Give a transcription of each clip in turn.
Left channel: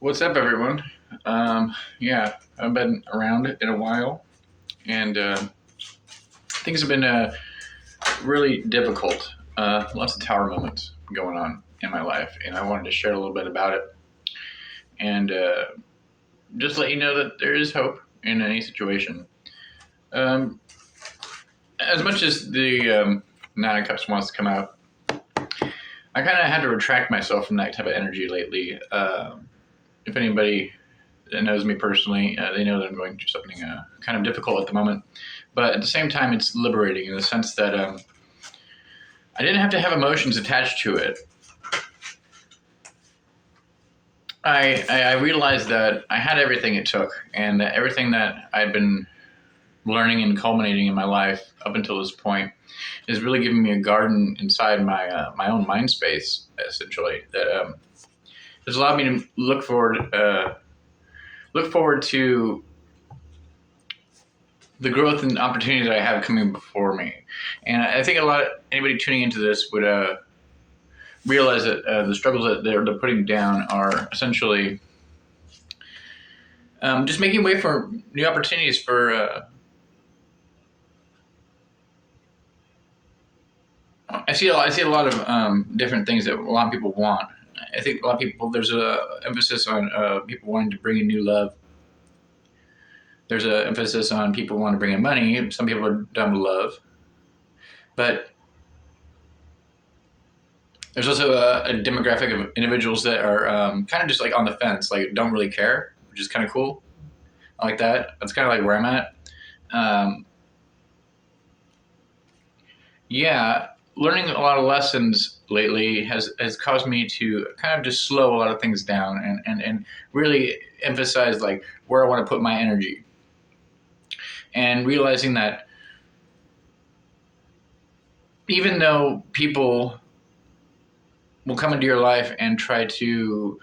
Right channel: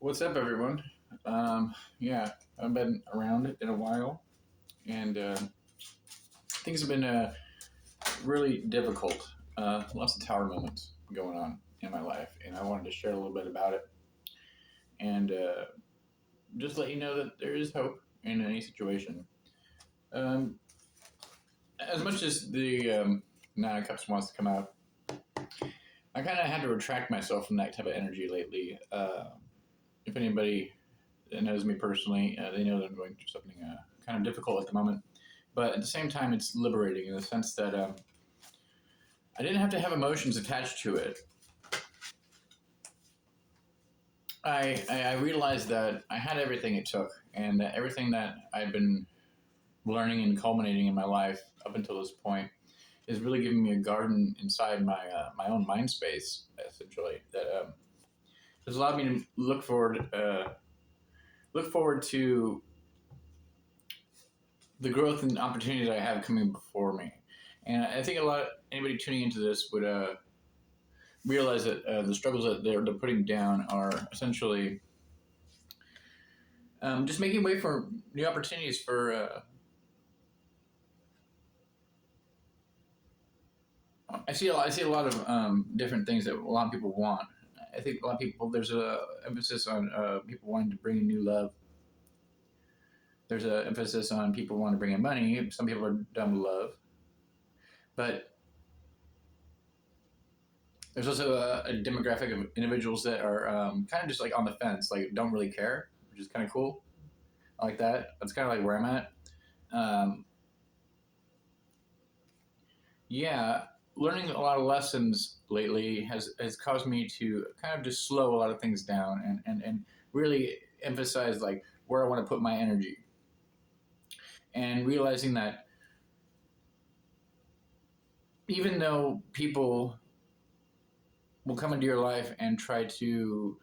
What's up, everyone? Yeah, I've been around in a while, and things have been really difficult. Lots of tower moments going on in my life, and I wanted to share a little bit about it and just let you know that there is hope in any situation. Um, as much as the Nine of Cups wants to come out, I kind of had to retract myself from that type of energy lately. If anybody that knows me personally, they know that I'm going through something kind of difficult at the moment. But at the same time, it's liberating in the sense that I didn't have to have emotions attached to it. I realized that I had everything it took, and that everything that I'd been learning and culminating in my life up until this point is really giving me a garden inside my own mind space, essentially. That has allowed me to look forward to the growth and opportunity that I have coming before me. And I think anybody tuning into this would realize that the struggles that they're putting down are essentially just making way for new opportunities for. I see a lot of different things that a lot of people want. I think a lot of people there's a emphasis on people wanting to bring in new love. There's an emphasis on people wanting to bring in money. Some people are done with love, but there's also a demographic of individuals that are kind of just like on the fence, like don't really care, which is kind of cool. I like that. That's kind of like where I'm at. Um, yeah, learning a lot of lessons lately has caused me to kind of just slow a lot of things down and really emphasize like where I want to put my energy and realizing that even though people will come into your life and try to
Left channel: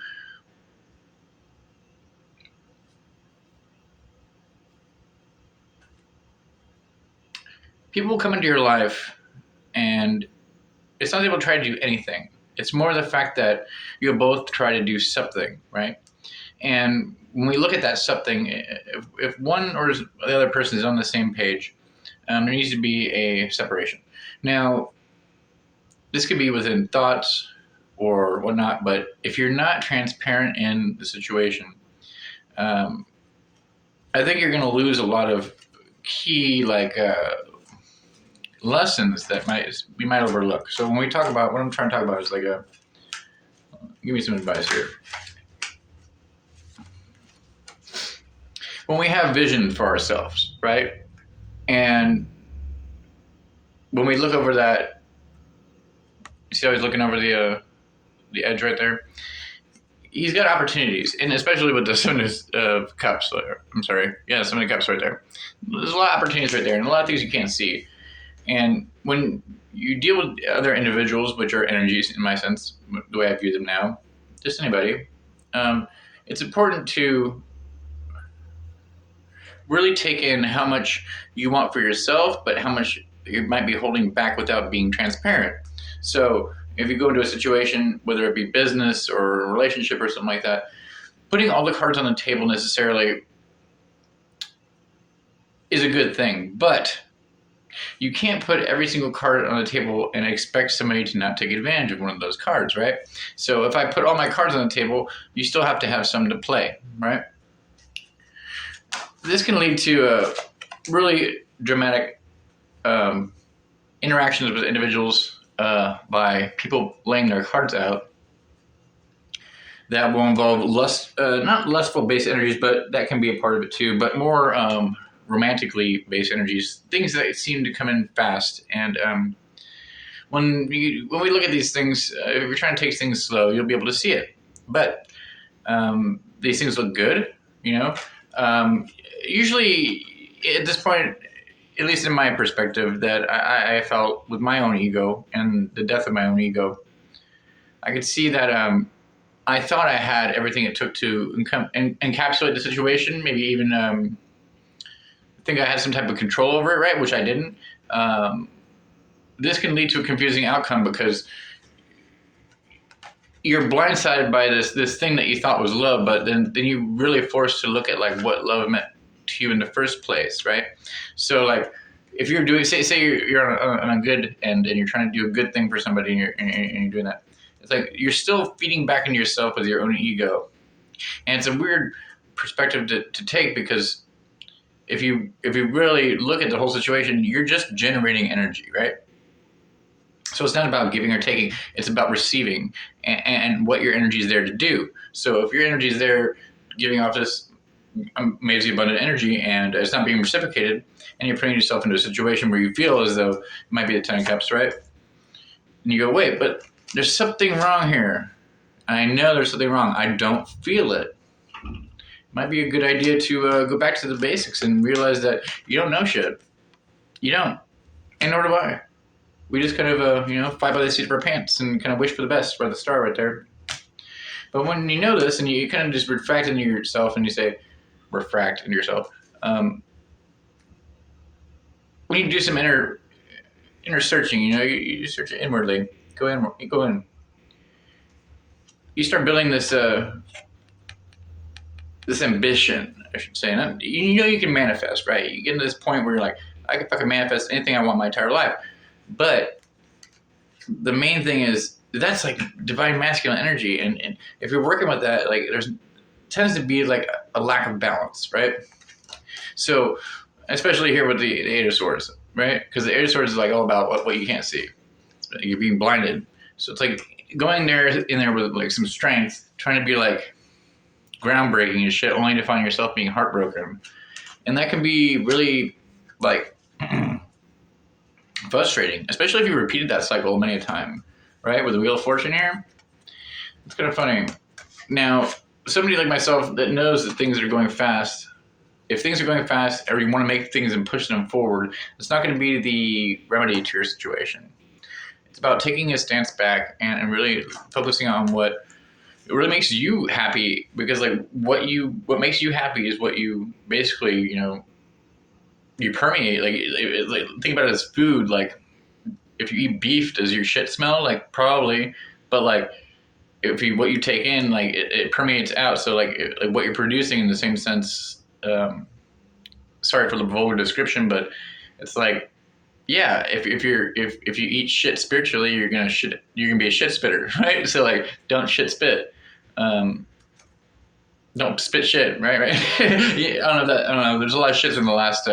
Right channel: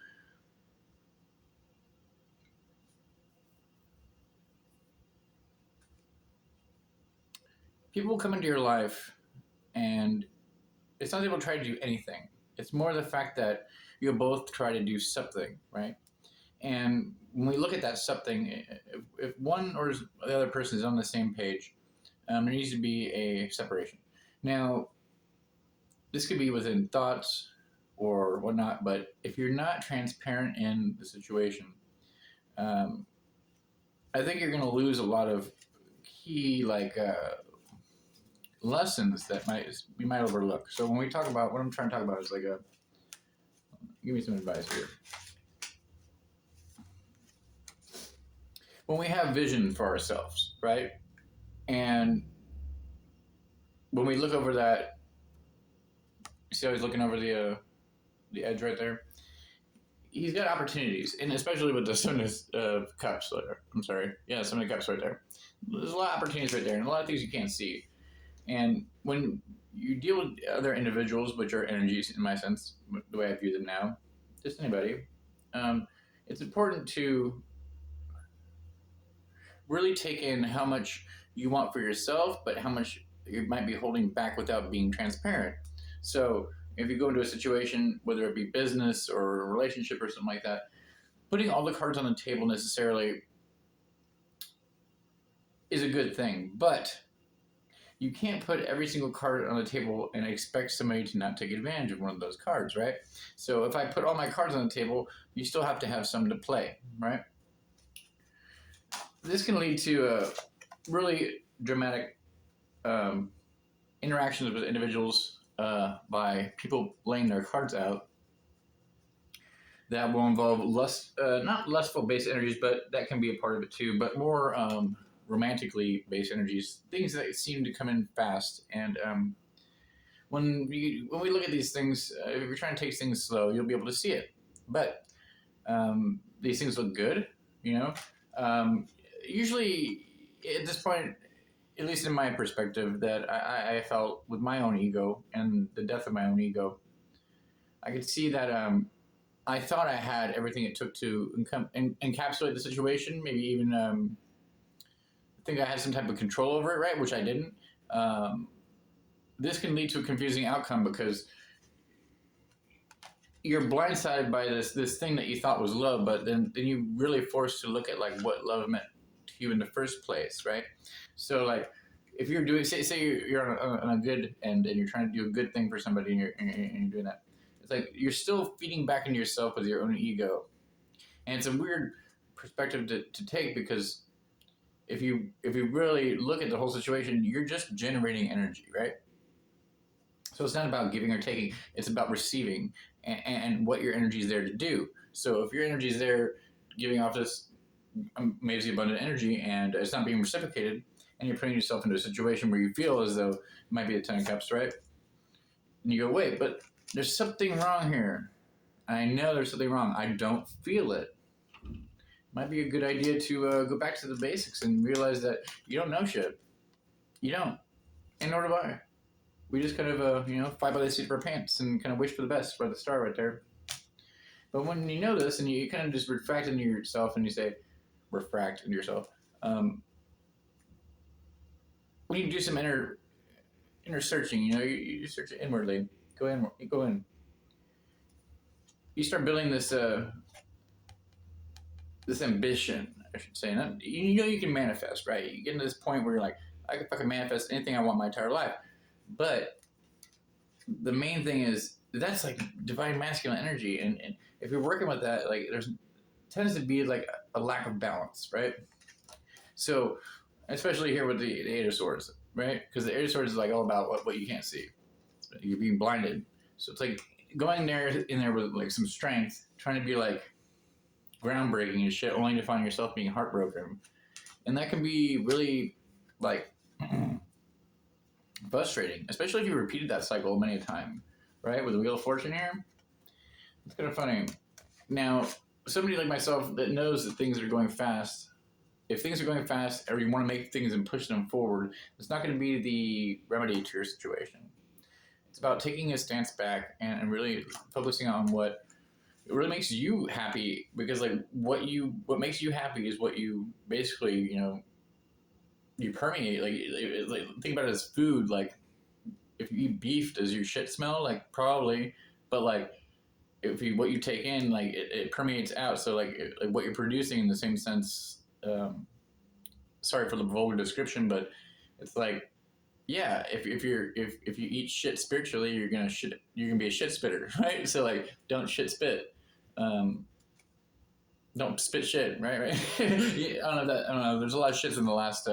people will come into your life and it's not able to try to do anything. It's more the fact that you both try to do something, right? And when we look at that something, if one or the other person is on the same page, there needs to be a separation. Now, this could be within thoughts or whatnot, but if you're not transparent in the situation, um, I think you're going to lose a lot of key lessons that we might overlook. So when we talk about what I'm trying to talk about is like a give me some advice here. When we have vision for ourselves, right? And when we look over that, you see how he's looking over the edge right there. He's got opportunities, and especially with the Seven of Cups. I'm sorry, yeah, Seven of Cups right there. There's a lot of opportunities right there, and a lot of things you can't see. And when you deal with other individuals, which are energies in my sense, the way I view them now, just anybody, it's important to really take in how much you want for yourself, but how much you might be holding back without being transparent. So if you go into a situation, whether it be business or a relationship or something like that, putting all the cards on the table necessarily is a good thing, but you can't put every single card on the table and expect somebody to not take advantage of one of those cards, right? So if I put all my cards on the table, you still have to have some to play, right? This can lead to really dramatic um, interactions with individuals by people laying their cards out that will involve not lustful based energies, but that can be a part of it too, but more romantically based energies, things that seem to come in fast. And when we look at these things, if you're trying to take things slow, you'll be able to see it. But these things look good, you know. Um, Usually, at this point, at least in my perspective, that I felt with my own ego and the death of my own ego, I could see that I thought I had everything it took to encapsulate the situation, maybe even think I had some type of control over it, right? Which I didn't. Um, this can lead to a confusing outcome because you're blindsided by this thing that you thought was love, but then you really forced to look at like what love meant to you in the first place, right? So like if you're doing say you're on a good end and you're trying to do a good thing for somebody and you're doing that, it's like you're still feeding back into yourself with your own ego, and it's a weird perspective to take because if you really look at the whole situation, you're just generating energy, right? So it's not about giving or taking; it's about receiving and what your energy is there to do. So if your energy is there giving off this amazing abundant energy and it's not being reciprocated, and you're putting yourself into a situation where you feel as though it might be the 10 of cups, right? And you go, wait, but there's something wrong here. I know there's something wrong. I don't feel it. Might be a good idea to go back to the basics and realize that you don't know shit. You don't, and nor do I. We just kind of, fly by the seat of our pants and kind of wish for the best by the star right there. But when you know this and you kind of just refract into yourself and you say, refract into yourself. When you do some inner searching, you search inwardly. Go in. You start building this this ambition, I should say. And you can manifest, right? You get to this point where you're like, I can fucking manifest anything I want my entire life. But the main thing is that's like divine masculine energy, and if you're working with that, like there's tends to be like a lack of balance, right? So especially here with the Eight of Swords, right? Because the Eight of Swords is like all about what you can't see. You're being blinded. So it's like going in there with like some strength, trying to be like groundbreaking and shit, only to find yourself being heartbroken. And that can be really like frustrating, especially if you repeated that cycle many a time, right? With the Wheel of Fortune here. It's kind of funny. Now, somebody like myself that knows that things are going fast, if things are going fast or you want to make things and push them forward, it's not going to be the remedy to your situation. It's about taking a stance back and really focusing on what really makes you happy, because like what makes you happy is what you basically, you permeate. Like think about it as food. Like if you eat beef, does your shit smell? Like probably, but like what you take in, like it permeates out. So like what you're producing in the same sense. Sorry for the vulgar description, but it's like, yeah, if you eat shit spiritually, you're gonna be a shit spitter, right? So like, don't shit spit. Don't spit shit, right? Yeah, I don't know. There's a lot of shits in the last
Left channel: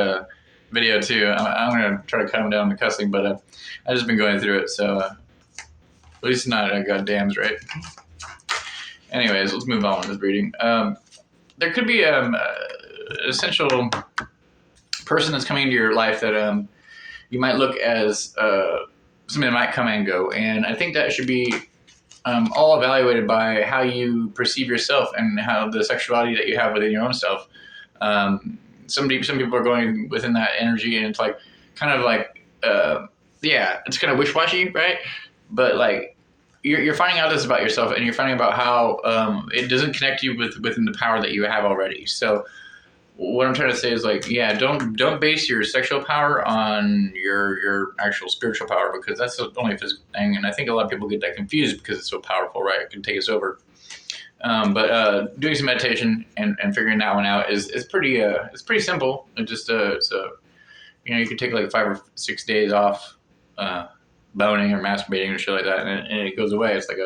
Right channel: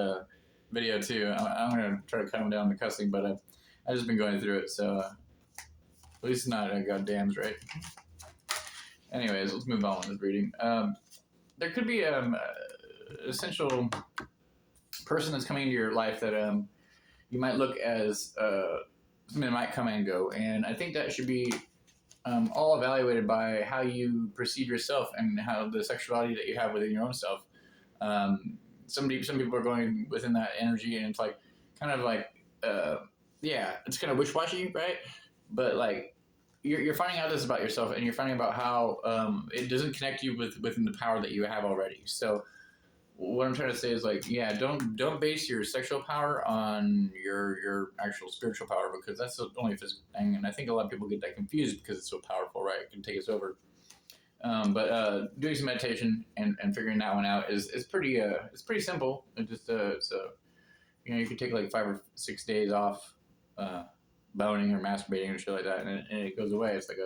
video too. I'm gonna try to cut them down to cussing, but I've just been going through it, so at least not goddams, right? Anyways, let's move on with this reading. There could be an essential person that's coming into your life that you might look as something that might come and go, and I think that should be all evaluated by how you perceive yourself and how the sexuality that you have within your own self. Some people are going within that energy, and it's like kind of like it's kind of wish-washy, right? But like you're finding out this about yourself, and you're finding about how it doesn't connect you within the power that you have already. So what I'm trying to say is like, yeah, don't base your sexual power on your actual spiritual power, because that's the only physical thing. And I think a lot of people get that confused because it's so powerful, right? It can take us over. But doing some meditation and figuring that one out is pretty simple. It just you can take like 5 or 6 days off boning or masturbating or shit like that, and it goes away. It's like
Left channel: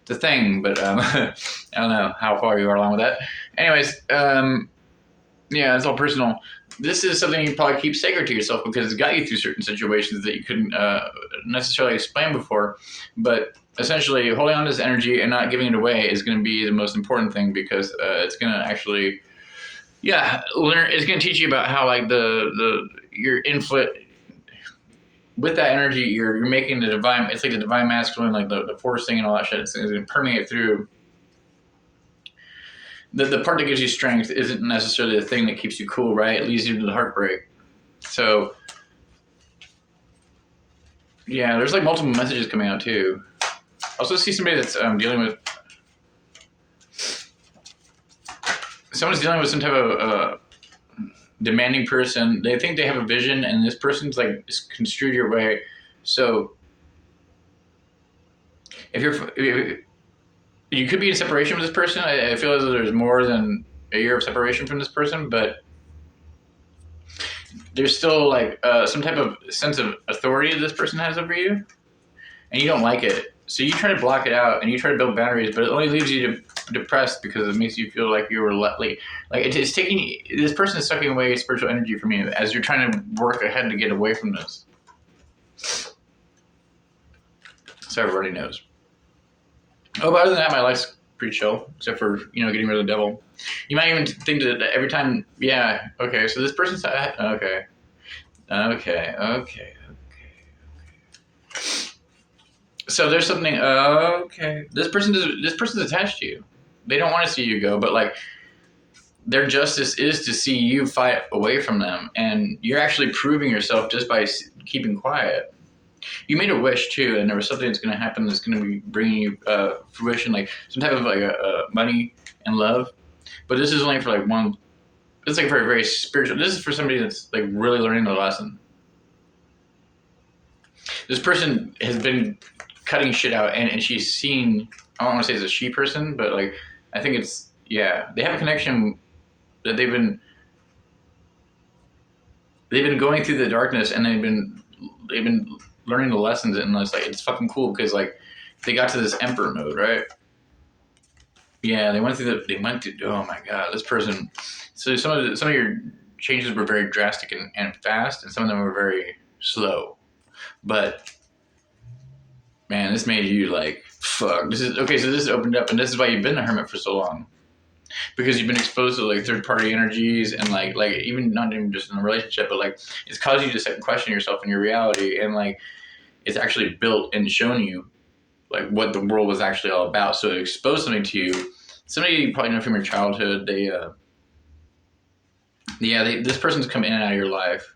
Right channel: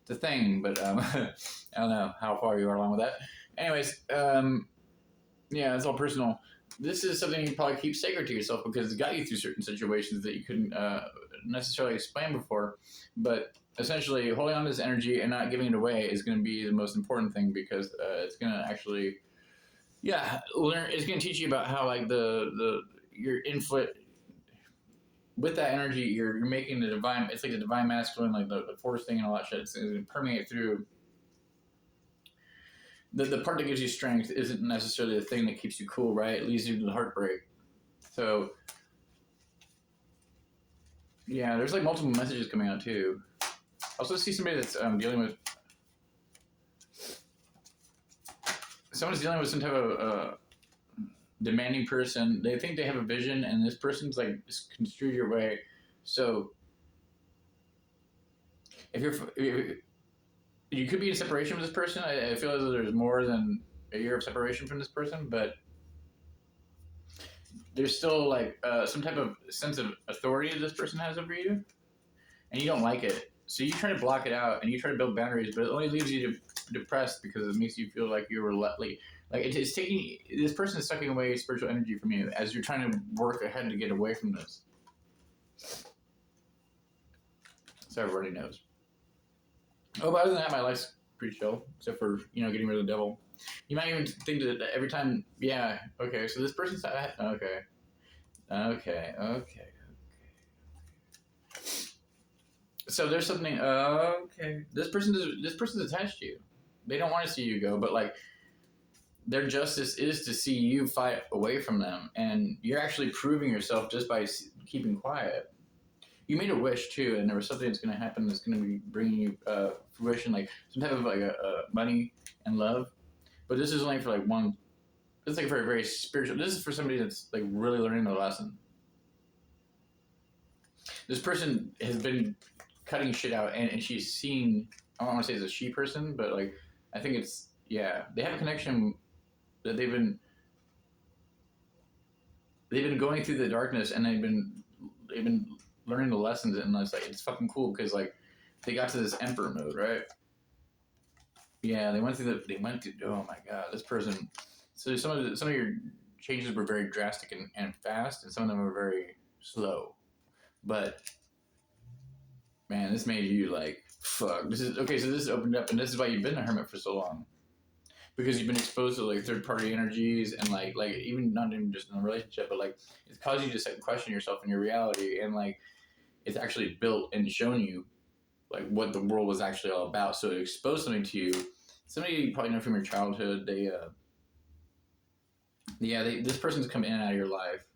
it's a thing, but I don't know how far you are along with that. Anyways, yeah, it's all personal. This is something you probably keep sacred to yourself because it's got you through certain situations that you couldn't necessarily explain before. But essentially, holding on to this energy and not giving it away is going to be the most important thing, because it's going to actually, learn. It's going to teach you about how like your influence with that energy, you're making the divine. It's like the divine masculine, like the force thing and all that shit. It's going to permeate through. The part that gives you strength isn't necessarily the thing that keeps you cool, right? It leads you to the heartbreak. So, yeah, there's like multiple messages coming out too. I also see somebody that's dealing with. Someone's dealing with some type of demanding person. They think they have a vision, and this person's like just construed your way. So if you could be in separation with this person. I feel as though there's more than a year of separation from this person, but there's still like some type of sense of authority this person has over you, and you don't like it. So you try to block it out, and you try to build boundaries, but it only leaves you depressed because it makes you feel like you were like it's taking this person is sucking away spiritual energy from you as you're trying to work ahead to get away from this. So everybody knows. Oh, but other than that, my life's pretty chill, except for getting rid of the devil. You might even think that every time, yeah, okay. So this person's okay. So there's something. Okay, this person's attached to you. They don't want to see you go, but like their justice is to see you fight away from them, and you're actually proving yourself just by keeping quiet. You made a wish too, and there was something that's going to happen that's going to be bringing you fruition, like some type of like money and love. But this is only for like one. It's like very very spiritual. This is for somebody that's like really learning the lesson. This person has been cutting shit out, and she's seen. I don't want to say it's a she person, but like I think it's they have a connection that they've been going through the darkness, and they've been learning the lessons, and it's fucking cool because like they got to this emperor mode, right? Yeah, they went through. Oh my god, this person. So some of your changes were very drastic and fast, and some of them were very slow. But man, this made you like fuck. This is okay. So this opened up, and this is why you've been a hermit for so long, because you've been exposed to like third party energies, and like even not even just in a relationship, but like it's caused you to second question yourself and your reality, and like it's actually built and shown you like what the world was actually all about. So it exposed something to you. Somebody you probably know from your childhood. This person's come in and out of your life.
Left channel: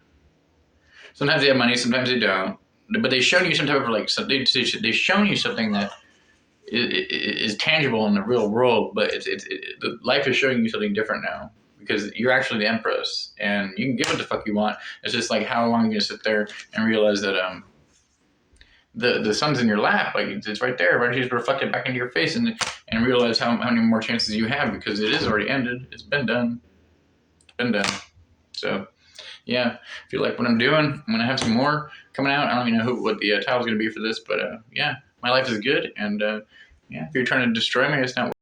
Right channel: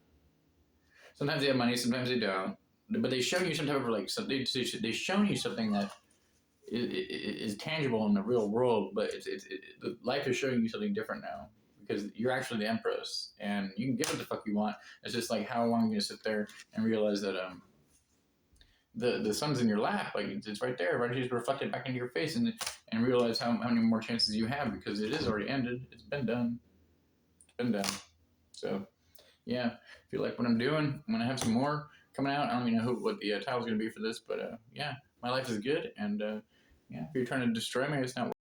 Sometimes they have money, sometimes they don't. But they've shown you some type of like they've shown you something that is tangible in the real world. But life is showing you something different now because you're actually the empress, and you can give what the fuck you want. It's just like how long are you gonna sit there and realize that the sun's in your lap, like it's right there. Why don't you just reflect it back into your face and realize how many more chances you have, because it is already ended. It's been done. So yeah, if you like what I'm doing, I'm gonna have some more coming out. I don't even know what the title's gonna be for this, but yeah, my life is good, and yeah, if you're trying to destroy me, it's not